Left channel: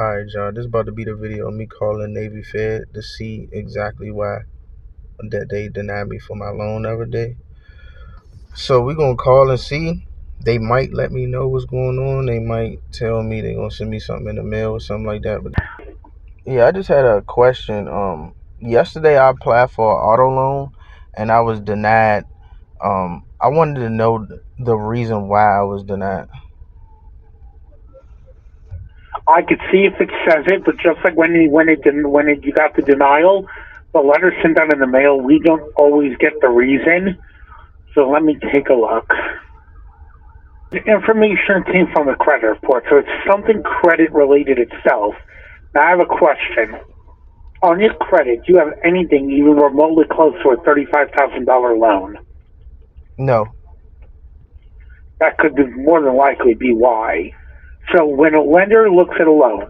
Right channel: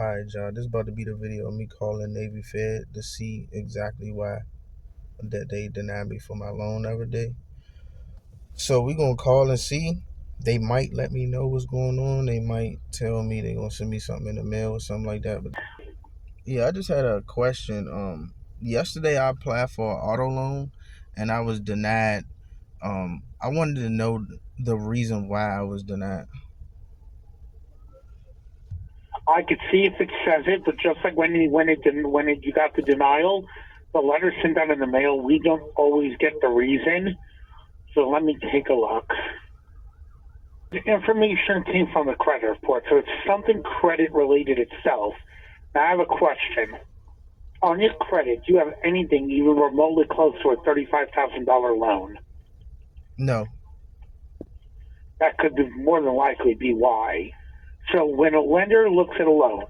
Alright, John, this is about to be the video of me calling Navy Fed to see exactly why that they denied me for my loan the other day. So we're gonna call and see. They might let me know what's going on. They might tell me they're gonna send me something in the mail or something like that. But yeah, I just had a question. Yesterday I applied for an auto loan and I was denied. I wanted to know the reason why I was denied. I could see if it says it, but just like when you got the denial, the letter sent out in the mail, we don't always get the reason. So let me take a look. The information came from the credit report, so it's something credit related itself. Now I have a question. On your credit, do you have anything even remotely close to a $35,000 loan? No. That could more than likely be why. So when a lender looks at a loan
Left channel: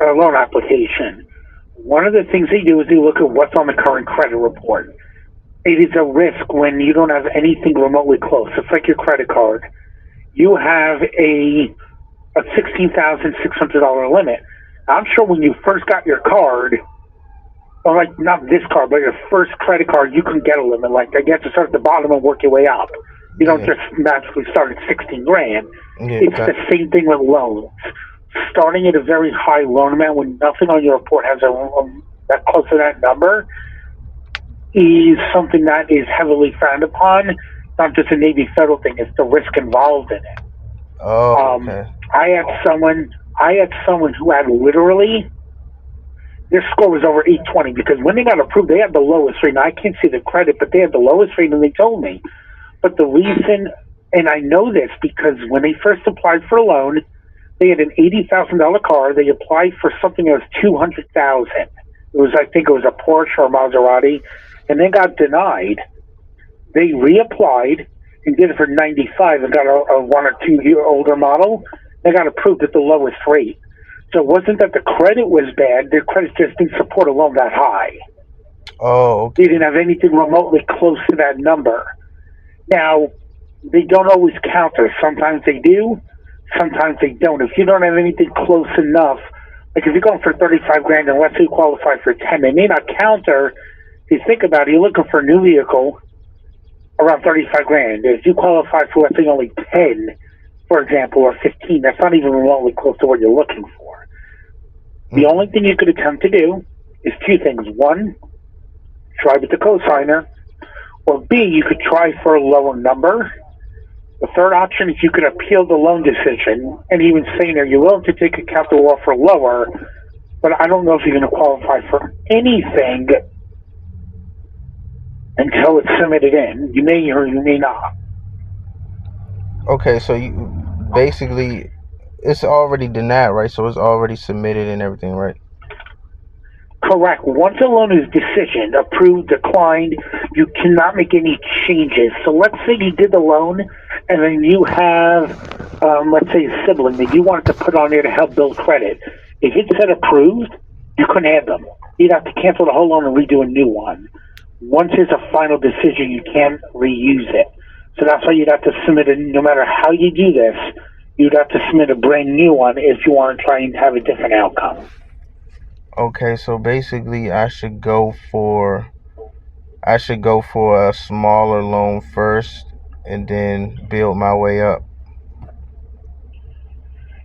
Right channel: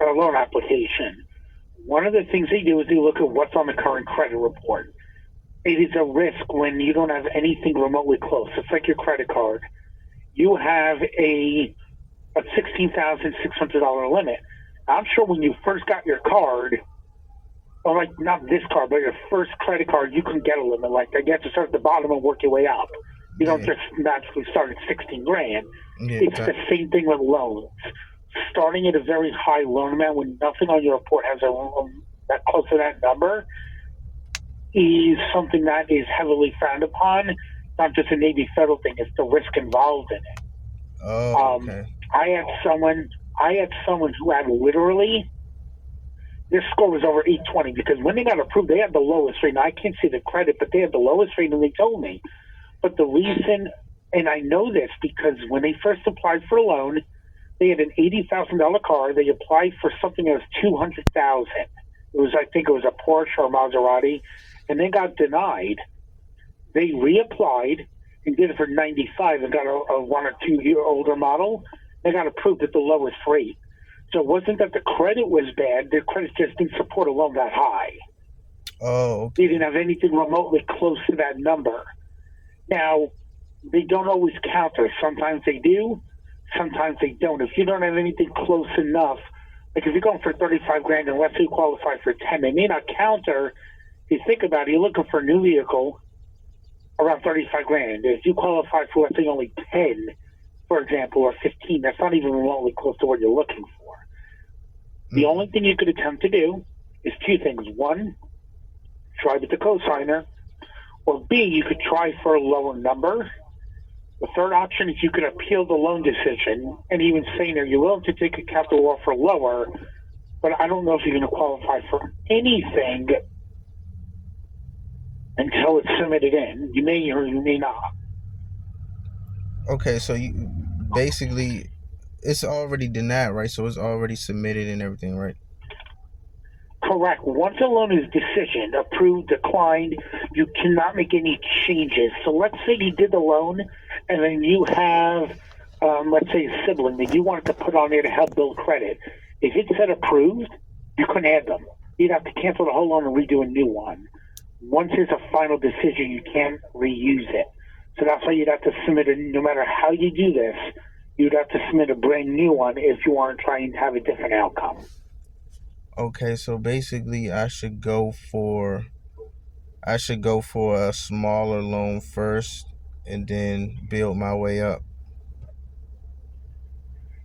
application, one of the things they do is they look at what's on the current credit report. It is a risk when you don't have anything remotely close. It's like your credit card. You have a $16,600 limit. I'm sure when you first got your card, or like not this card, but your first credit card, you can get a limit like that. You have to start at the bottom and work your way up. You don't just magically start at 16 grand. It's the same thing with loans. Starting at a very high loan amount when nothing on your report has that close to that number is something that is heavily frowned upon. It's not just a Navy Federal thing; it's the risk involved in it. Oh, okay. I had someone who had literally their score was over 820 because when they got approved, they had the lowest rate. Now, I can't see the credit, but they had the lowest rate, and they told me. But the reason, and I know this because when they first applied for a loan, they had an $80,000 car. They applied for something that was $200,000. I think it was a Porsche or a Maserati, and they got denied. They reapplied and did it for 95 and got a 1 or 2 year older model. They got approved at the lowest rate. So it wasn't that the credit was bad. Their credit just didn't support a loan that high. Oh, okay. They didn't have anything remotely close to that number. Now, they don't always counter. Sometimes they do, sometimes they don't. If you don't have anything close enough, like if you're going for 35 grand and let's say you qualify for 10, they may not counter. If you think about it, you're looking for a new vehicle around 35 grand. If you qualify for, let's say, only 10, for example, or 15, that's not even remotely close to what you're looking for. The only thing you could attempt to do is two things. One, try with the cosigner, or B, you could try for a lower number. The third option is you could appeal the loan decision and even say there you're willing to take a capital offer lower, but I don't know if you're going to qualify for anything until it's submitted in. You may or you may not. Okay, so you basically it's already denied, right? So it's already submitted and everything, right? Correct. Once a loan is decisioned, approved, declined, you cannot make any changes. So let's say you did the loan and then you have, let's say, a sibling that you wanted to put on there to help build credit. If it said approved, you couldn't add them. You'd have to cancel the whole loan and redo a new one. Once there's a final decision, you can't reuse it. So that's why you'd have to submit it, no matter how you do this, you'd have to submit a brand new one if you want to try and have a different outcome. Okay, so basically I should go for a smaller loan first and then build my way up.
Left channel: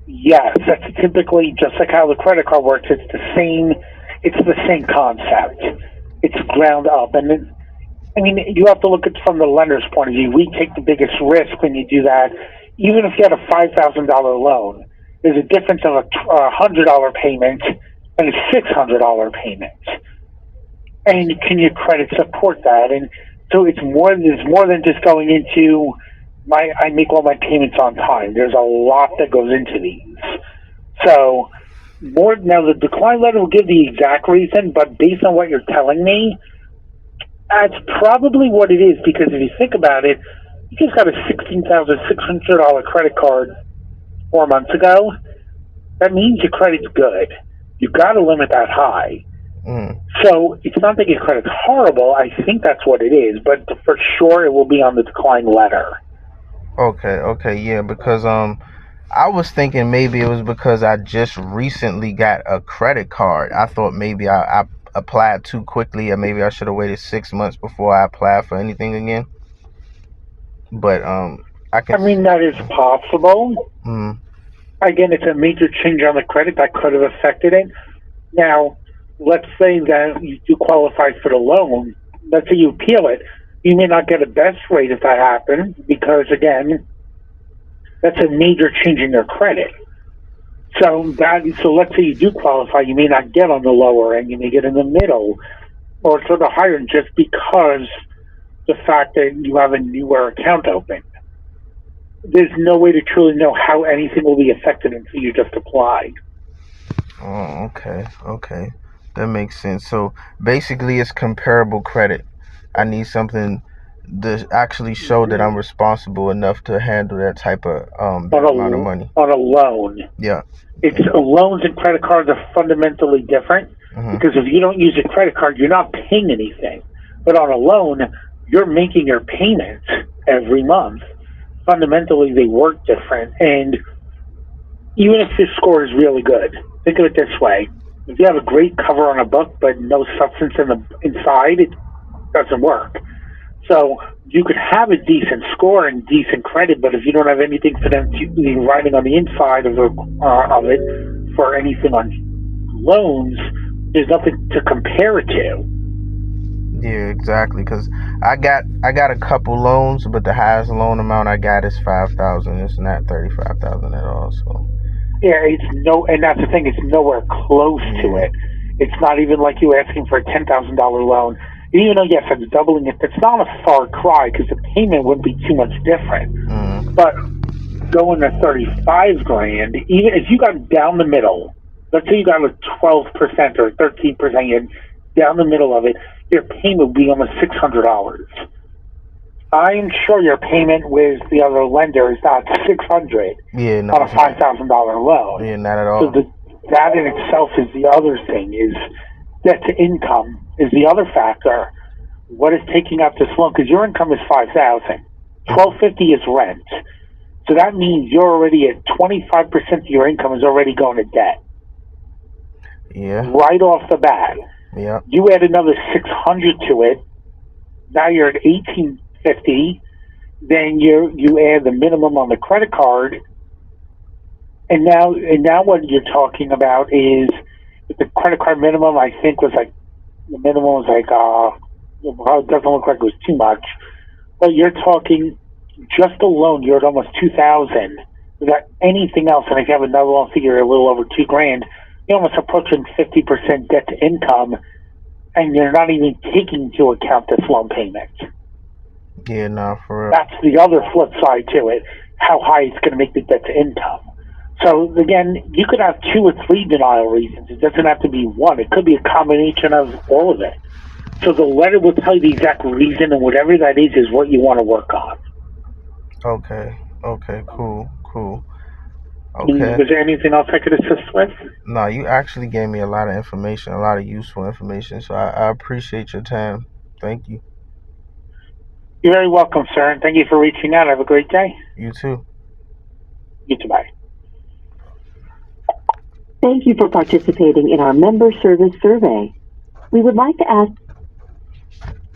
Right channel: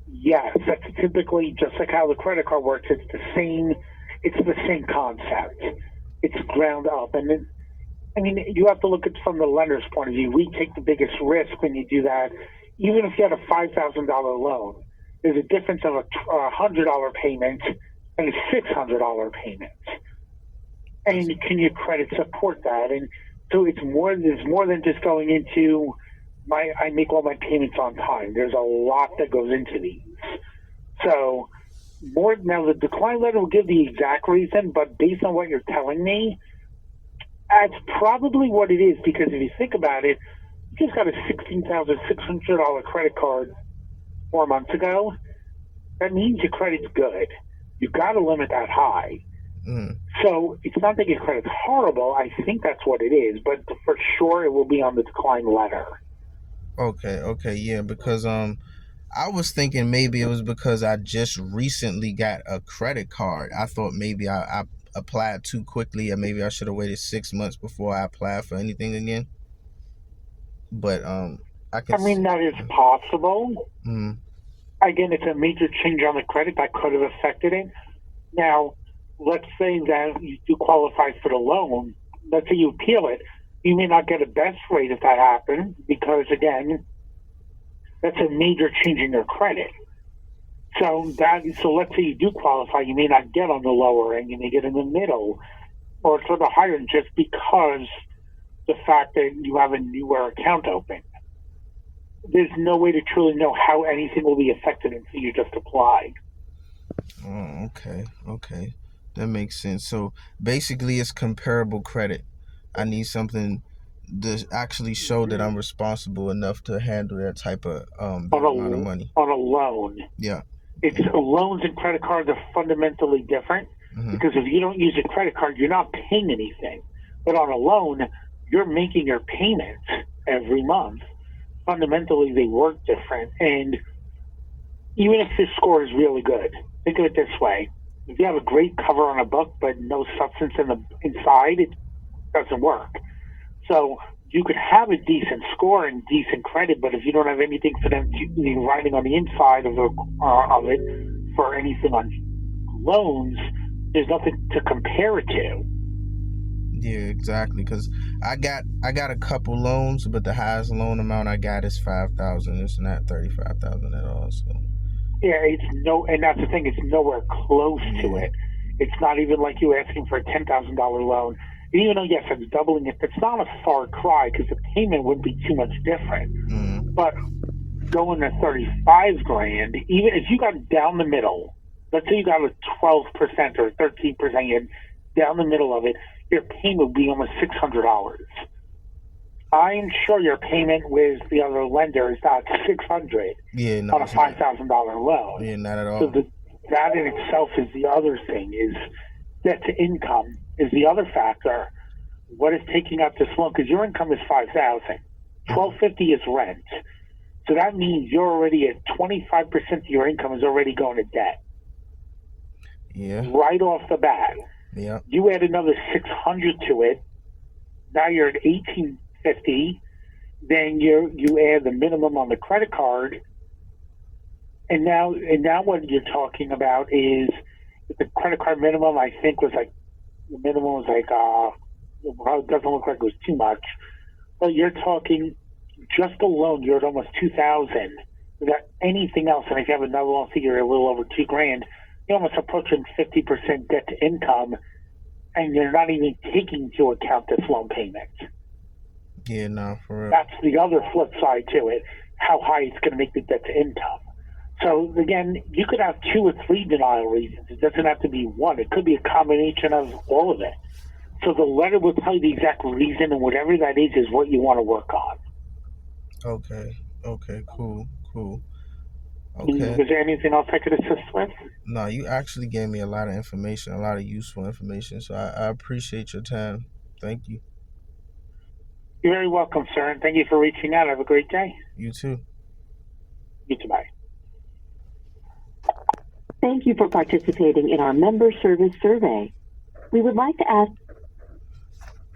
Yes, that's typically just like how the credit card works. It's the same concept. It's ground up, and you have to look at it from the lender's point of view. We take the biggest risk when you do that. Even if you had a $5,000 loan, there's a difference of a $100 payment and a $600 payment. And can your credit support that? And so there's more than just going into I make all my payments on time. There's a lot that goes into these. So now the decline letter will give the exact reason, but based on what you're telling me, that's probably what it is, because if you think about it, you just got a $16,600 credit card 4 months ago. That means your credit's good. You've got a limit that high. So it's not that your credit's horrible. I think that's what it is, but for sure it will be on the decline letter. Okay, yeah, because I was thinking maybe it was because I just recently got a credit card. I thought maybe I applied too quickly, or maybe I should have waited 6 months before I applied for anything again. But I can. I mean, that is possible. Mm, Again, it's a major change on the credit that could have affected it. Now, let's say that you do qualify for the loan. Let's say you appeal it. You may not get a best rate if that happens because, again, that's a major change in your credit. So let's say you do qualify, you may not get on the lower end, you may get in the middle, or sort of higher, just because the fact that you have a newer account open. There's no way to truly know how anything will be affected until you just apply. oh, okay. That makes sense. So basically, it's comparable credit. I need something to actually show that I'm responsible enough to handle that type of big amount of money. On a loan. Yeah. It's loans and credit cards are fundamentally different because if you don't use a credit card, you're not paying anything. But on a loan, you're making your payments every month. Fundamentally, they work different. And even if your score is really good, think of it this way. If you have a great cover on a book but no substance inside, it doesn't work. So you could have a decent score and decent credit, but if you don't have anything for them to be writing on the inside of it for anything on loans, there's nothing to compare it to. Yeah, exactly. Because I got a couple loans, but the highest loan amount I got is $5,000. It's not $35,000 at all. So yeah, and that's the thing. It's nowhere close to it. It's not even like you asking for a $10,000 loan. Even though, yes, it's doubling it, it's not a far cry because the payment wouldn't be too much different. But going to 35 grand, even if you got down the middle, let's say you got a 12% or 13%, down the middle of it, your payment would be almost $600. I'm sure your payment with the other lender is not $600 on a $5,000 loan. Yeah, not at all. So that in itself is the other thing, is debt to income is the other factor. What is taking up this loan? Because your income is $5,000. $1,250 is rent. So that means you're already at 25% of your income is already going to debt. Yeah. Right off the bat. Yeah. You add another $600 to it. Now you're at $1,850. Then you add the minimum on the credit card. And now what you're talking about is the credit card minimum, I think, was like, the minimum was like, well, it doesn't look like it was too much. But you're talking just a loan, you're at almost $2,000 without anything else. And if you have another loan figure, a little over $2,000, you're almost approaching 50% debt to income, and you're not even taking into account this loan payment. Yeah, no, for real. That's the other flip side to it, how high it's going to make the debt to income. So again, you could have 2 or 3 denial reasons. It doesn't have to be one. It could be a combination of all of it. So the letter will tell you the exact reason, and whatever that is what you want to work on. Okay, cool. Okay. Was there anything else I could assist with? No, you actually gave me a lot of information, a lot of useful information. So I appreciate your time. Thank you. You're very welcome, sir, and thank you for reaching out. Have a great day. You too. You too, bye. Thank you for participating in our member service survey. We would like to ask...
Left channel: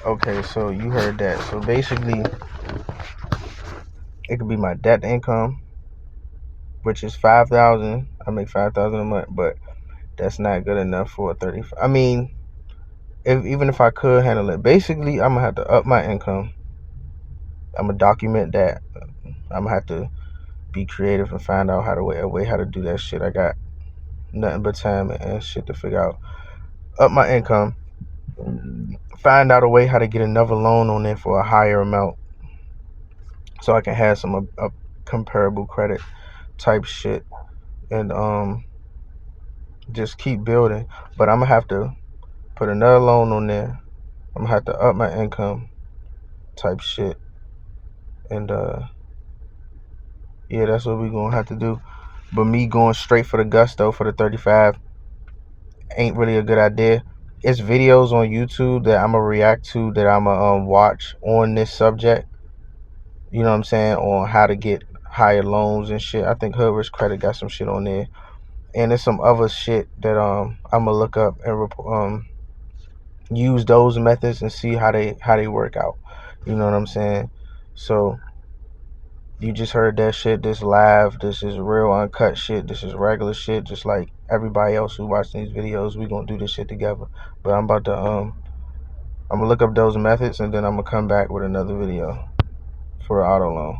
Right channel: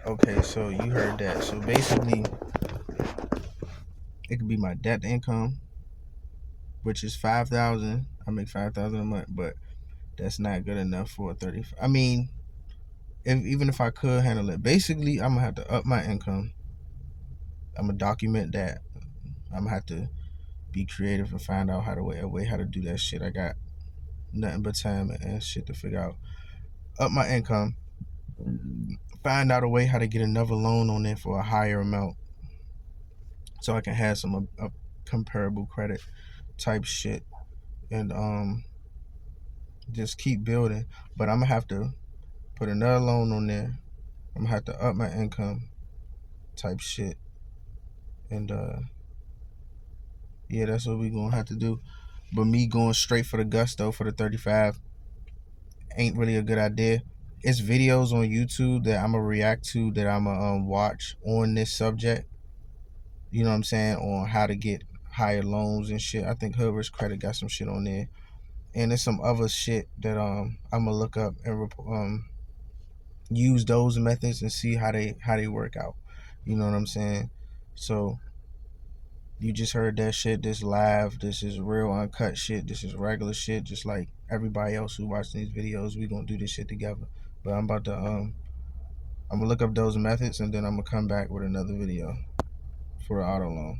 Okay, so you heard that. So basically, it could be my debt income, which is $5,000. I make $5,000 a month, but that's not good enough for a 35. I mean, even if I could handle it, basically, I'm gonna have to up my income. I'm gonna document that. I'm gonna have to be creative and find out a way how to do that shit. I got nothing but time and shit to figure out. Up my income, find out a way how to get another loan on there for a higher amount, so I can have some comparable credit type shit, and just keep building. But I'm gonna have to put another loan on there. I'm gonna have to up my income type shit, and yeah, that's what we gonna have to do. But me going straight for the gusto for the 35 ain't really a good idea. It's videos on YouTube that I'm gonna react to, that I'm gonna watch on this subject. You know what I'm saying? On how higher loans and shit. I think Hood Risk Credit got some shit on there, and there's some other shit that I'm gonna look up and use those methods and see how they work out. You know what I'm saying? So you just heard that shit. This live. This is real uncut shit. This is regular shit. Just like everybody else who watching these videos, we gonna do this shit together. But I'm about to I'm gonna look up those methods and then I'm gonna come back with another video for the auto loan.